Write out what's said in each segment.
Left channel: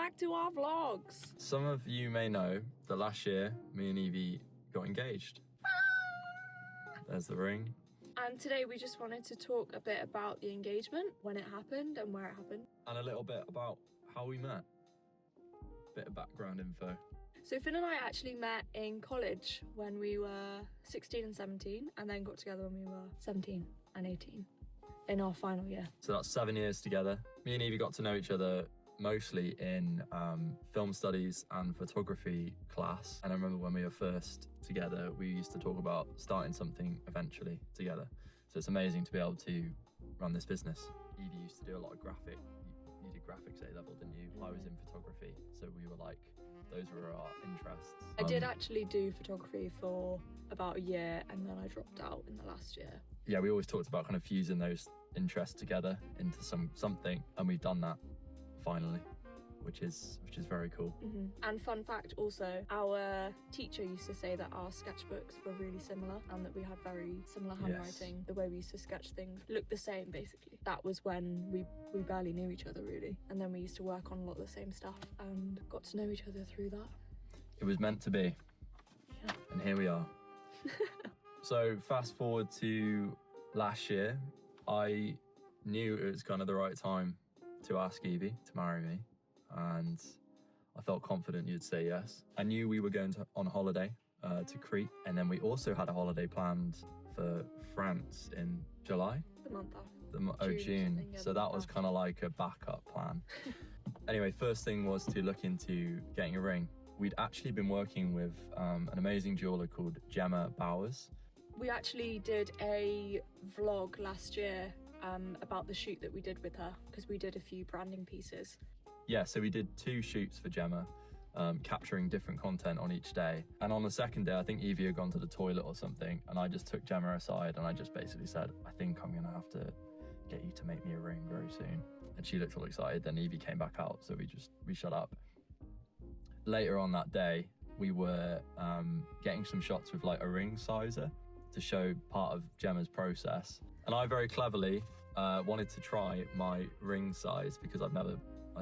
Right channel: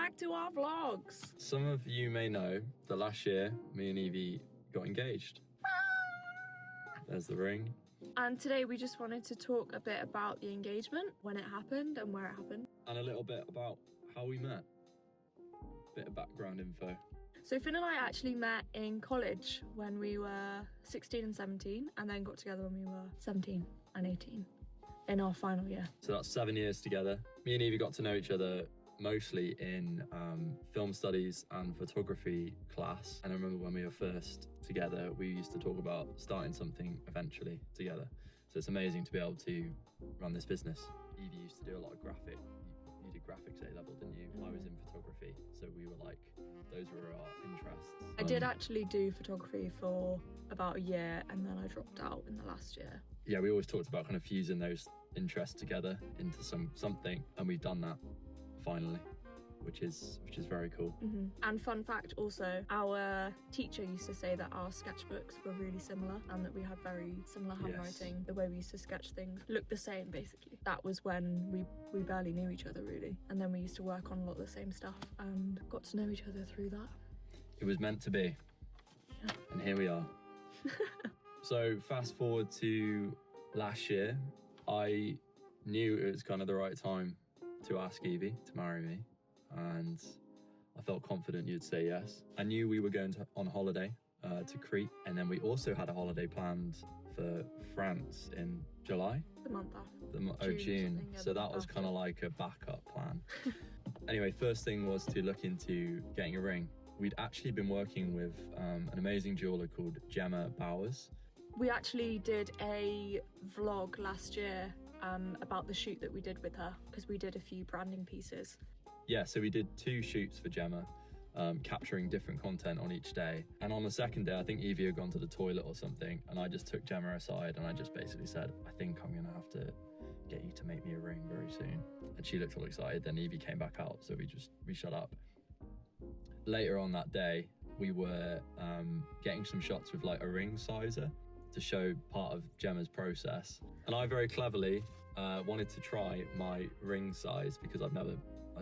back to our vlogs. Some of you may know that last year, me and Evie got engaged. There's the ring. And today we just wanted to talk a bit about the engagement, when it happened and where it happened. And a little bit about how we met. Bit of background info. So Finn and I actually met in college when we were 16 and 17, and then got together when we were 17 and 18 in our final year. So that's 7 years together. Me and Evie got to know each other mostly in film studies and photography class. And I remember when we were first together, we used to talk about starting something eventually together. So it's amazing to be able to run this business. Evie used to do a lot of graphic. You did graphics A-level, didn't you? I was in photography, so we were like, those were our interests. I did actually do photography for about a year, and then I dropped out in the last year. Yeah, we always talked about kind of fusing those interests together into something, and we've done that finally, which is very cool. And fun fact also, our teacher used to say that our sketchbooks were really similar and that we had very similar handwriting. Yes. The way we used to sketch things looked the same basically. That was when we barely knew each other really, and then we used to work on a lot of the same stuff and got to know each other through that. It was meant to be. Yeah. And here we are. So fast forward to last year, I knew it was kind of the right time to ask Evie to marry me, and I felt confident you'd say yes. I knew we were going on holiday to Crete, and then we also had a holiday planned for France in July. The month after. June. So that was kind of like a backup plan. Anyway, first thing was to look into getting a ring. We'd actually been working with an amazing jeweler called Gemma Bowers. We actually did a vlog last year about the shoot that we did with her, because we did a few branding pieces. Yeah, so we did 2 shoots for Gemma, capturing different content on each day. And on the second day, I think Evie had gone to the toilet or something, and I just took Gemma aside and I just basically said, I think I'm gonna have to get you to make me a ring very soon. And she looked all excited, then Evie came back out, so we shut up. Later on that day, we were getting some shots with like a ring sizer to show part of Gemma's process. And I very cleverly wanted to try my ring size because I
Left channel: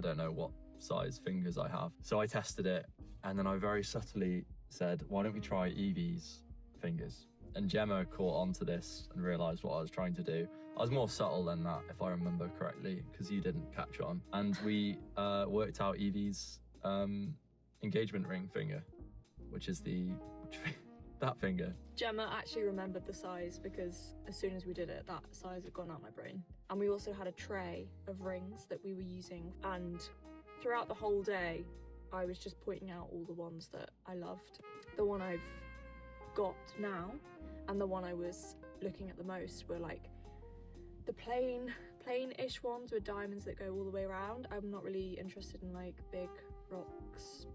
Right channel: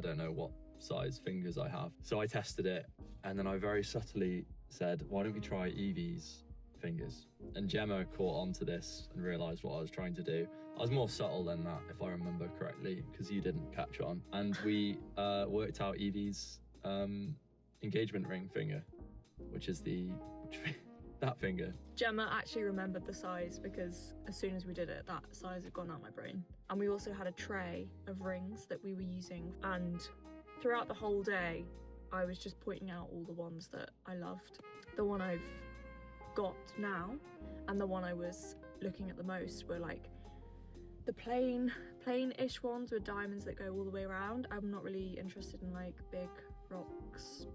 don't know what size fingers I have. So I tested it, and then I very subtly said, why don't we try Evie's fingers? And Gemma caught on to this and realised what I was trying to do. I was more subtle than that, if I remember correctly, because you didn't catch on. And we worked out Evie's engagement ring finger, which is that finger. Gemma actually remembered the size because as soon as we did it, that size had gone out my brain. And we also had a tray of rings that we were using, and throughout the whole day I was just pointing out all the ones that I loved. The one I've got now and the one I was looking at the most were like the plain-ish ones with diamonds that go all the way around. I'm not really interested in like big rocks,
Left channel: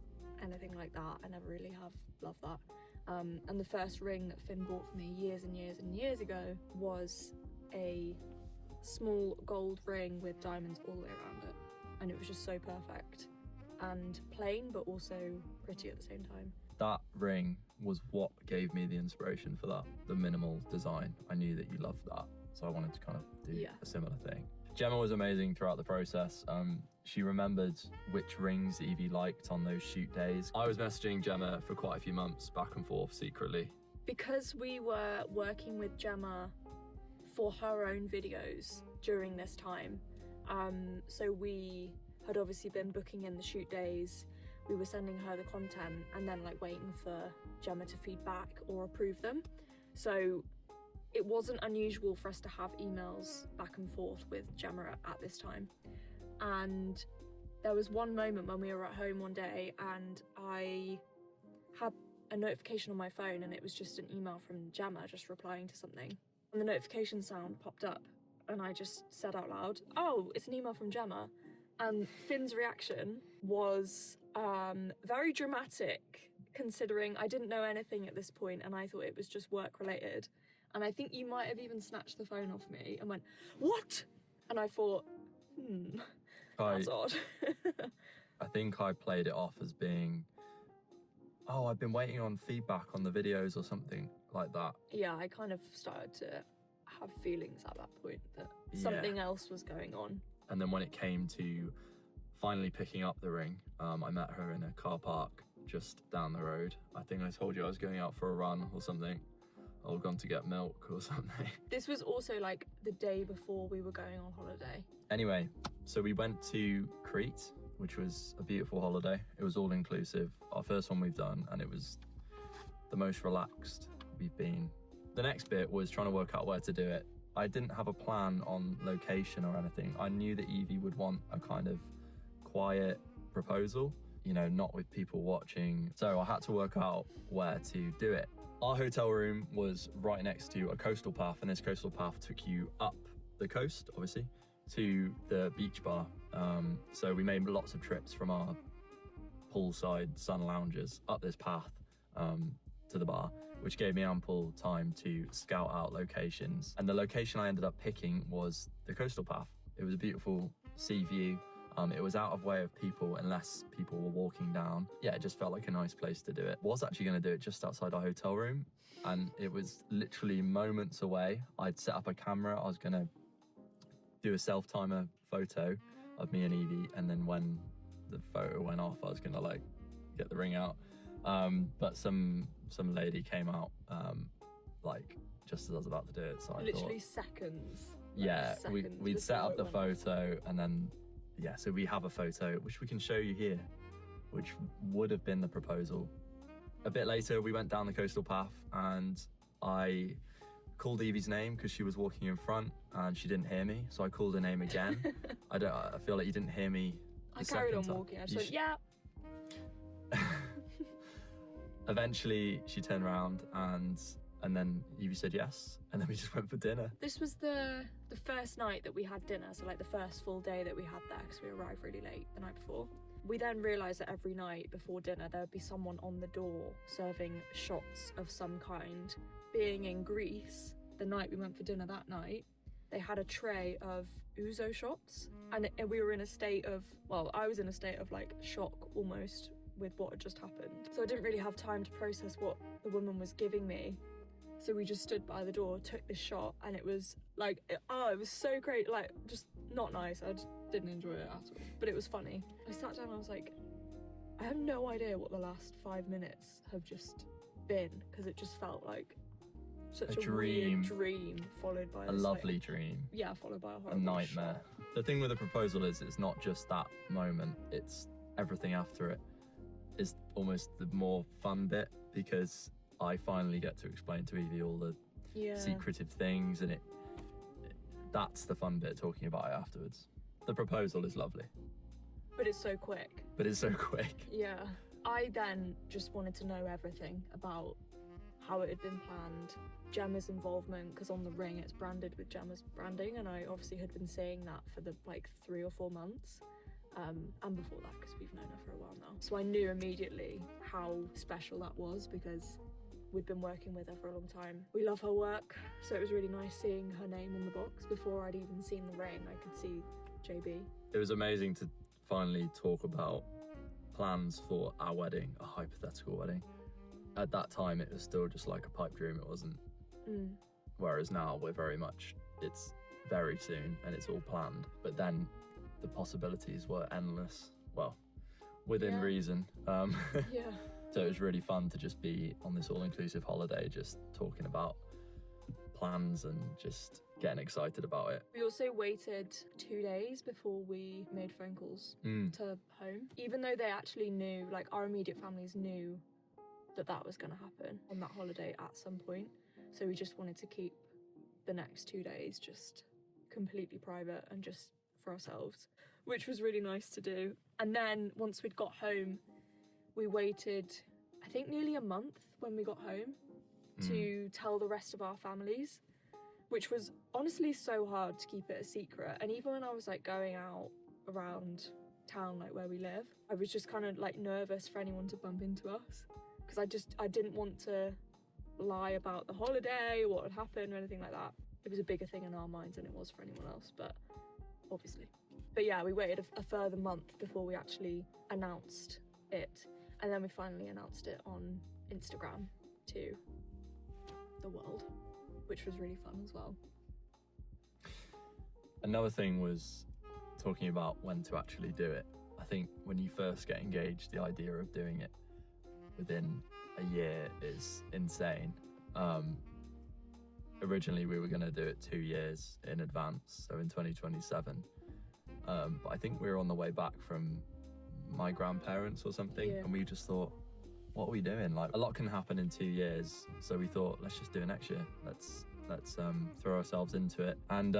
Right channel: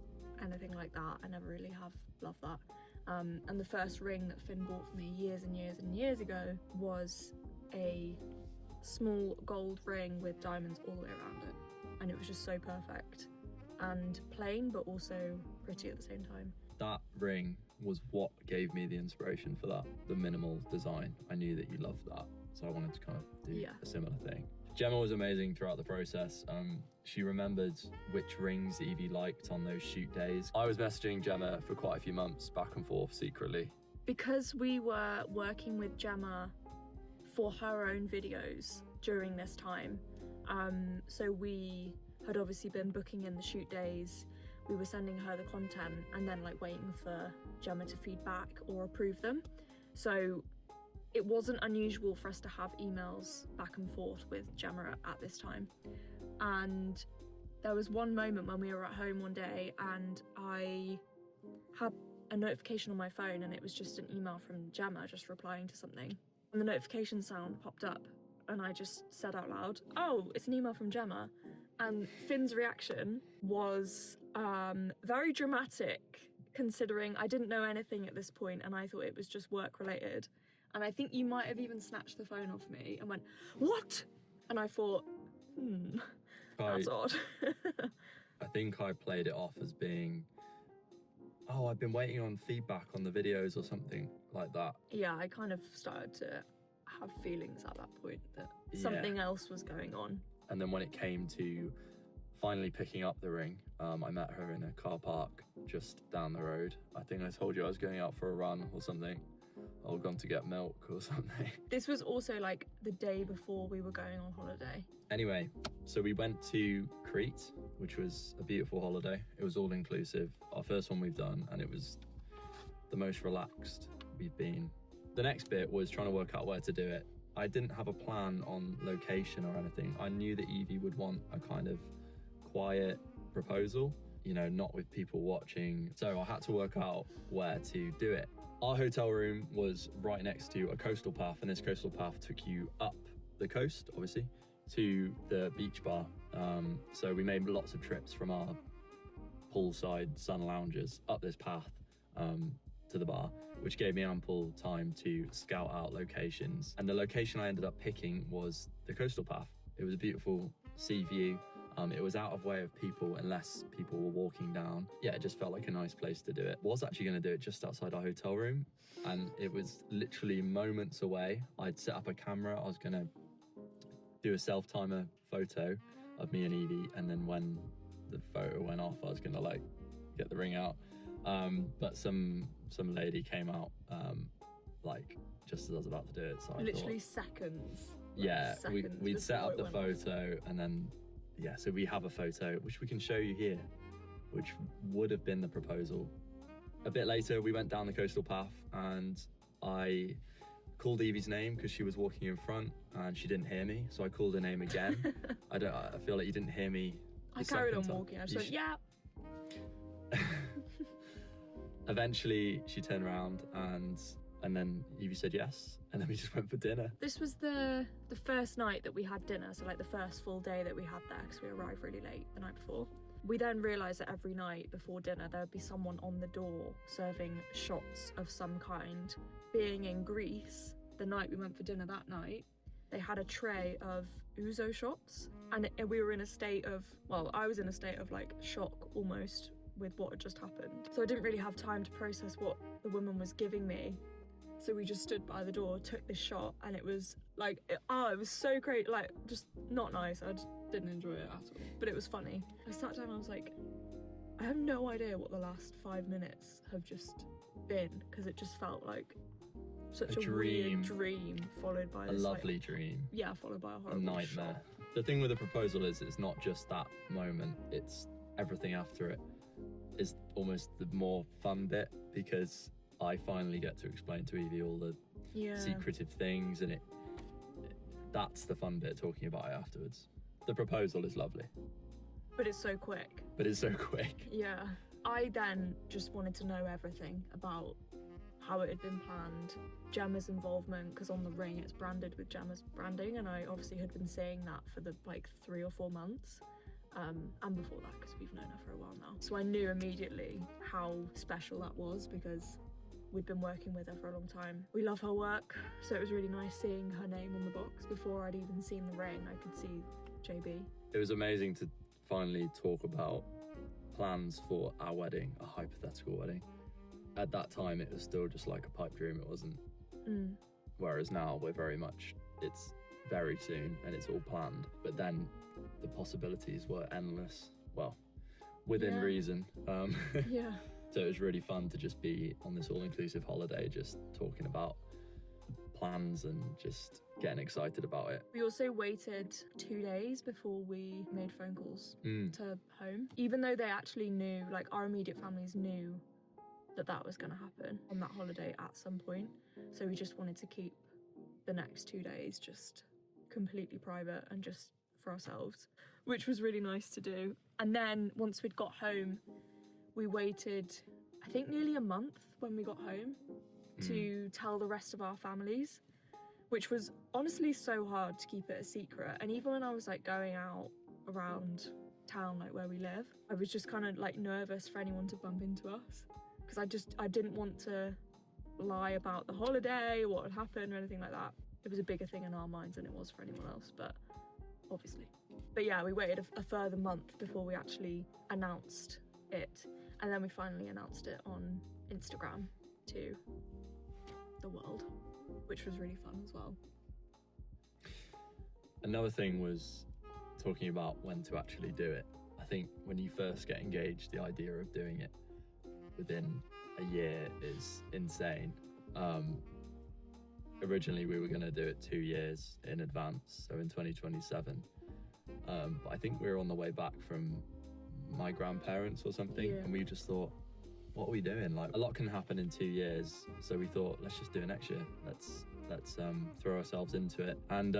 anything like that. I never really have loved that. And the first ring that Finn bought for me years and years and years ago was a small gold ring with diamonds all the way around it. And it was just so perfect and plain, but also pretty at the same time. That ring was what gave me the inspiration for that, the minimal design. I knew that you loved that, so I wanted to kind of do a similar thing. Gemma was amazing throughout the process. She remembered which rings Evie liked on those shoot days. I was messaging Gemma for quite a few months, back and forth secretly. Because we were working with Gemma for her own videos during this time, so we had obviously been booking in the shoot days, we were sending her the content and then like waiting for Gemma to feed back or approve them. So it wasn't unusual for us to have emails back and forth with Gemma at this time. And there was one moment when we were at home one day and I had a notification on my phone, and it was just an email from Gemma just replying to something. And the notification sound popped up and I just said out loud, oh, it's an email from Gemma. And Finn's reaction was very dramatic, considering I didn't know anything at this point and I thought it was just work related. And I think you might have even snatched the phone off me and went, what? And I thought, that's odd. I think I played it off as being, oh, I've been waiting on feedback on the videos or something like that. Yeah, I kind of started to have feelings at that point that something else was going on. And then when it came to finally picking up the ring, I met her in a car park just down the road. I think I told you I was going out for a run or something. Or gone to get milk or something. This was also like the day before we were going on holiday. Anyway, so we went to Crete, which was a beautiful holiday. It was all inclusive. Our first one we've done, and it was the most relaxed we've been. The next bit was trying to work out where to do it. I didn't have a plan on location or anything. I knew that Evie would want a kind of quiet proposal, you know, not with people watching. So I had to work out where to do it. Our hotel room was right next to a coastal path, and this coastal path took you up the coast, obviously, to the beach bar. So we made lots of trips from our poolside sun lounges up this path to the bar, which gave me ample time to scout out locations. And the location I ended up picking was the coastal path. It was a beautiful sea view. It was out of way of people unless people were walking down. Yeah, it just felt like a nice place to do it. I was actually going to do it just outside our hotel room, and it was literally moments away. I'd set up a camera. I was going to do a self-timer photo of me and Evie, and then when the photo went off, I was going to like get the ring out. But some lady came out like just as I was about to do it. So I literally thought, seconds. Yeah, seconds we'd set before up the it went off. photo, and then yeah, so we have a photo which we can show you here, which would have been the proposal. A bit later, we went down the coastal path, and I called Evie's name because she was walking in front and she didn't hear me, so I called her name again. I feel like you didn't hear me. I carried on walking. I was like, yeah. Eventually, she turned around and then Evie said yes, and then we just went for dinner. This was the first night that we had dinner, so like the first full day that we had there, because we arrived really late the night before. We then realised that every night before dinner there would be someone on the door serving shots of some kind. Being in Greece, the night we went for dinner that night, they had a tray of ouzo shots, and we were in a state of, well, I was in a state of like shock almost with what had just happened. So I didn't really have time to process what the woman was giving me. So we just stood by the door, took this shot, and it was like, it was so great, like just not nice. I just didn't enjoy it at all, but it was funny. I sat down and I was like, I have no idea what the last 5 minutes have just been, because it just felt like such a dream. weird dream followed by A this, lovely like, dream. yeah, followed by a A horrible nightmare. shot. The thing with the proposal is it's not just that moment, it's everything after it is almost the more fun bit, because I finally get to explain to Evie all the secretive things, and that's the fun bit, talking about it afterwards. The proposal is lovely. But it's so quick. Yeah. I then just wanted to know everything about how it had been planned, Gemma's involvement, because on the ring it's branded with Gemma's branding, and I obviously had been saying that for the like 3 or 4 months. And before that, because we've known her for a while now. So I knew immediately how special that was, because we'd been working with her for a long time. We love her work, so it was really nice seeing her name on the box. Before I'd even seen the ring, I could see JB. It was amazing to finally talk about plans for our wedding, a hypothetical wedding. At that time, it was still just like a pipe dream, it wasn't. Whereas now, we're very much, it's very soon and it's all planned. But then the possibilities were endless, well, within reason. Yeah. So it was really fun to just be on this all-inclusive holiday, just talking about plans and just getting excited about it. We also waited 2 days before we made phone calls to home. Even though they actually knew, like our immediate families knew that was going to happen on that holiday at some point. So we just wanted to keep the next 2 days just completely private and just for ourselves, which was really nice to do. And then once we'd got home, we waited, I think, nearly a month when we got home to tell the rest of our families, which was honestly so hard to keep it a secret. And even when I was like going out around town, like where we live, I was just kind of like nervous for anyone to bump into us, because I didn't want to lie about the holiday or what had happened or anything like that. It was a bigger thing in our minds than it was for anyone else, but obviously. But yeah, we waited a further month before we actually announced it. And then we finally announced it on Instagram to the world, which was really fun as well. Another thing was talking about when to actually do it. I I think when you first get engaged, the idea of doing it within a year is insane. Originally we were going to do it 2 years in advance, so in 2027. But I think we were on the way back from my grandparents or something, Yeah. and we just thought, what are we doing? Like, a lot can happen in 2 years, so we thought, let's just do it next year. Let's throw ourselves into it, and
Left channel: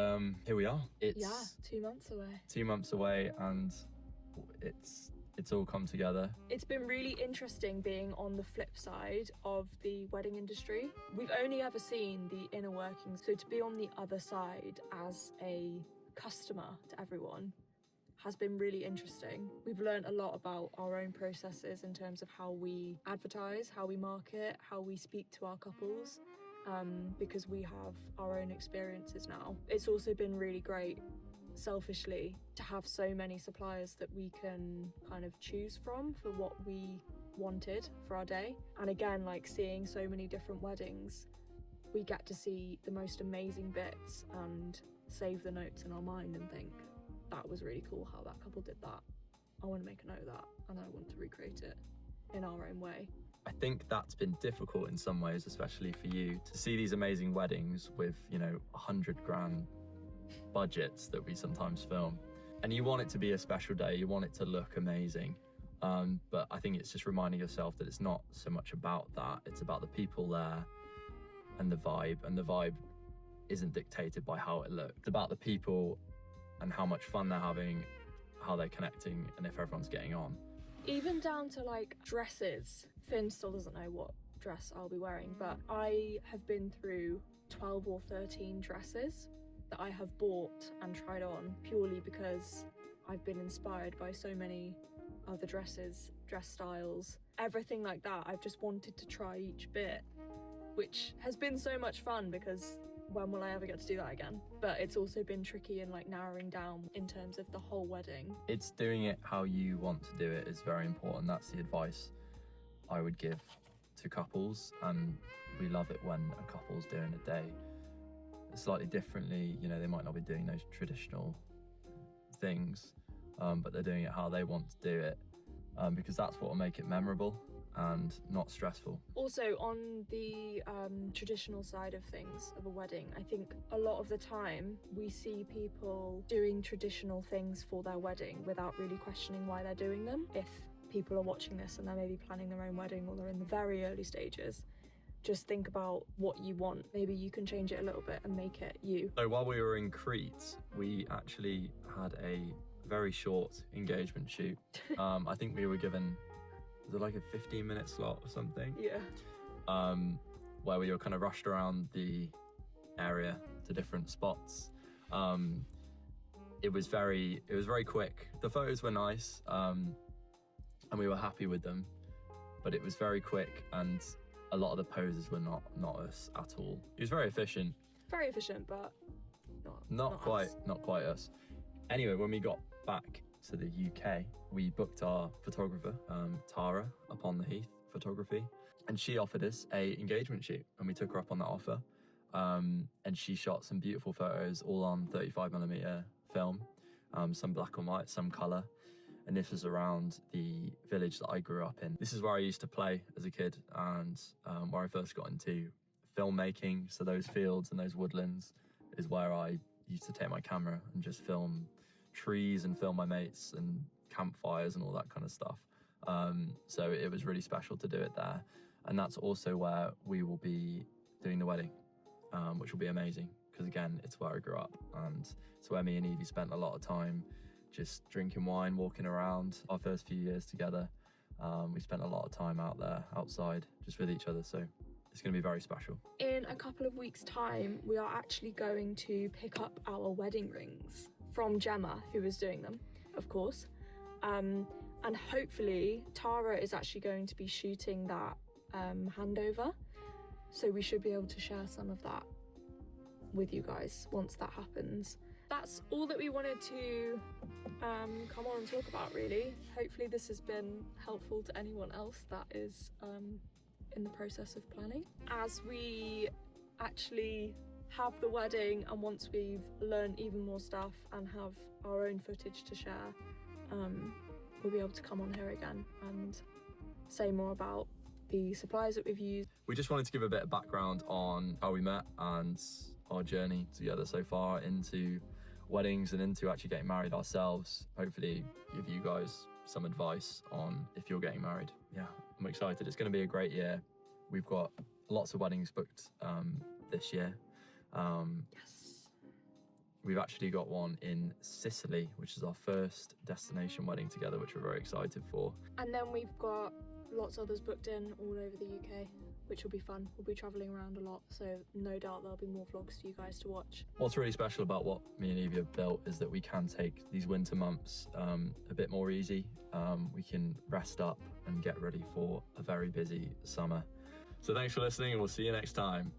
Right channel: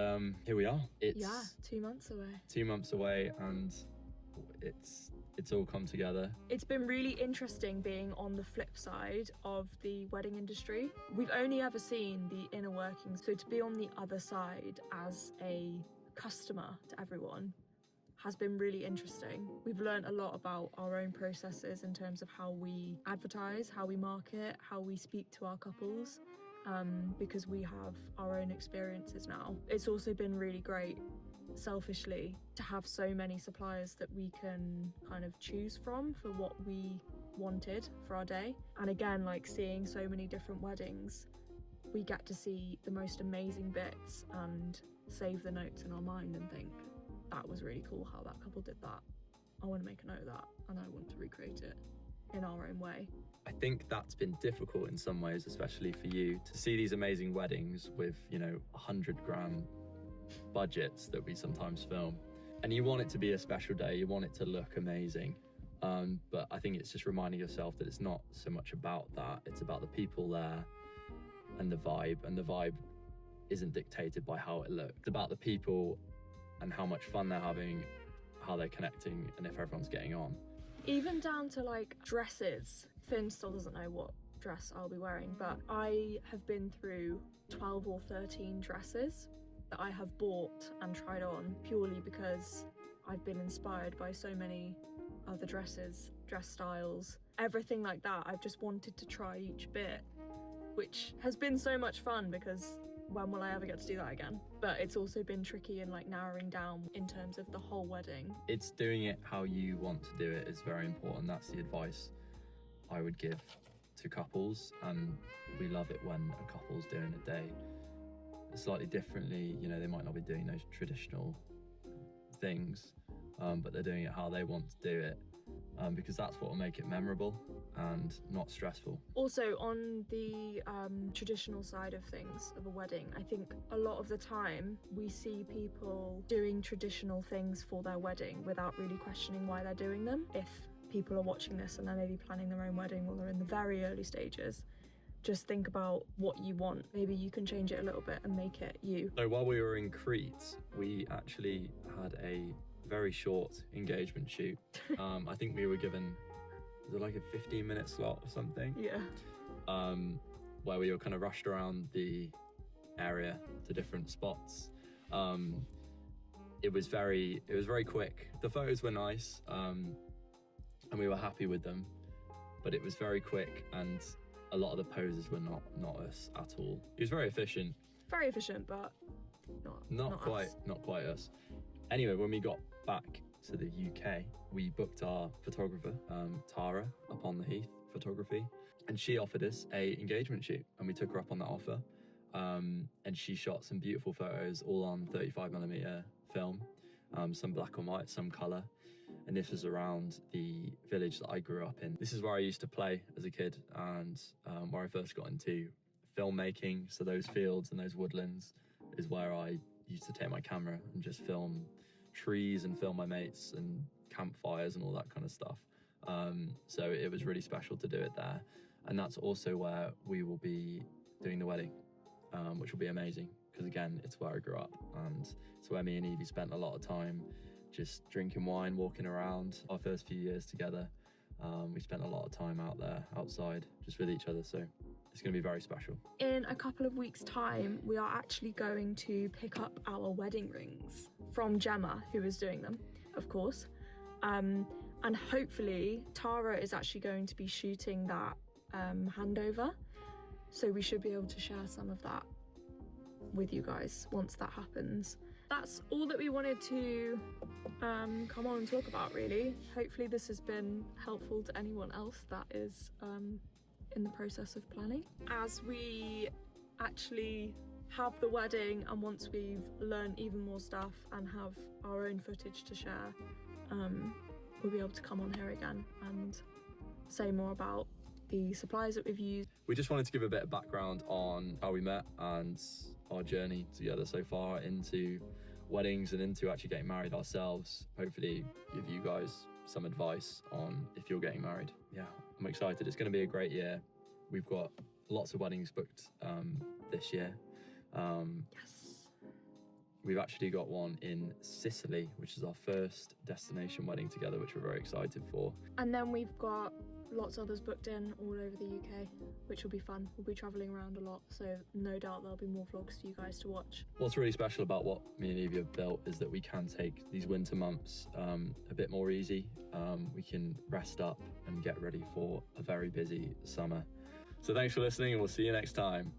here we are. It's 2 months away. 2 months away, and it's all come together. It's been really interesting being on the flip side of the wedding industry. We've only ever seen the inner workings, so to be on the other side as a customer to everyone has been really interesting. We've learned a lot about our own processes in terms of how we advertise, how we market, how we speak to our couples, because we have our own experiences now. It's also been really great, selfishly, to have so many suppliers that we can kind of choose from for what we wanted for our day. And again, like, seeing so many different weddings, we get to see the most amazing bits and save the notes in our mind and think, that was really cool how that couple did that. I want to make a note of that, and I want to recreate it in our own way. I think that's been difficult in some ways, especially for you, to see these amazing weddings with, you know, 100 grand budgets that we sometimes film. And you want it to be a special day, you want it to look amazing. But I think it's just reminding yourself that it's not so much about that, it's about the people there and the vibe isn't dictated by how it looks. It's about the people and how much fun they're having, how they're connecting, and if everyone's getting on. Even down to like dresses. Finn still doesn't know what dress I'll be wearing, but I have been through 12 or 13 dresses that I have bought and tried on purely because I've been inspired by so many other dresses, dress styles, everything like that. I've just wanted to try each bit, which has been so much fun because when will I ever get to do that again? But it's also been tricky and like narrowing down in terms of the whole wedding. It's doing it how you want to do it is very important. That's the advice I would give to couples, and we love it when a couple's doing a day slightly differently. You know, they might not be doing those traditional things, but they're doing it how they want to do it, because that's what will make it memorable and not stressful. Also, on the traditional side of things of a wedding, I think a lot of the time we see people doing traditional things for their wedding without really questioning why they're doing them. If people are watching this and they're maybe planning their own wedding or they're in the very early stages, just think about what you want. Maybe you can change it a little bit and make it you. So while we were in Crete, we actually had a very short engagement shoot. I think we were given, was it like a 15-minute slot or something? Yeah. Where we were kind of rushed around the area to different spots. It was very quick. The photos were nice, and we were happy with them, but it was very quick, and a lot of the poses were not us at all. It was very efficient. Very efficient, but not quite us. Not quite us. Anyway, when we got back to the UK, we booked our photographer, Tara, up on the Heath Photography, and she offered us a engagement shoot, and we took her up on that offer. And she shot some beautiful photos, all on 35mm film, some black and white, some colour. And this was around the village that I grew up in. This is where I used to play as a kid, and where I first got into filmmaking. So those fields and those woodlands is where I used to take my camera and just film trees and film my mates and campfires and all that kind of stuff. So it was really special to do it there. And that's also where we will be doing the wedding, which will be amazing, because again, it's where I grew up, and it's where me and Evie spent a lot of time just drinking wine, walking around. Our first few years together, we spent a lot of time out there, outside, just with each other, so it's going to be very special. In a couple of weeks' time, we are actually going to pick up our wedding rings from Gemma, who is doing them, of course. And hopefully Tara is actually going to be shooting that handover, so we should be able to share some of that with you guys once that happens. That's all that we wanted to come on and talk about, really. Hopefully this has been helpful to anyone else that is in the process of planning. As we actually have the wedding, and once we've learned even more stuff and have our own footage to share, we'll be able to come on here again and say more about the supplies that we've used. We just wanted to give a bit of background on how we met and our journey together so far into weddings and into actually getting married ourselves. Hopefully give you guys some advice on if you're getting married. Yeah, I'm excited. It's going to be a great year. We've got lots of weddings booked this year. Yes. We've actually got one in Sicily, which is our first destination wedding together, which we're very excited for. And then we've got lots of others booked in all over the UK, which will be fun. We'll be travelling around a lot, so no doubt there'll be more vlogs for you guys to watch. What's really special about what me and Evie have built is that we can take these winter months a bit more easy. We can rest up and get ready for a very busy summer. So thanks for listening, and we'll see you next time.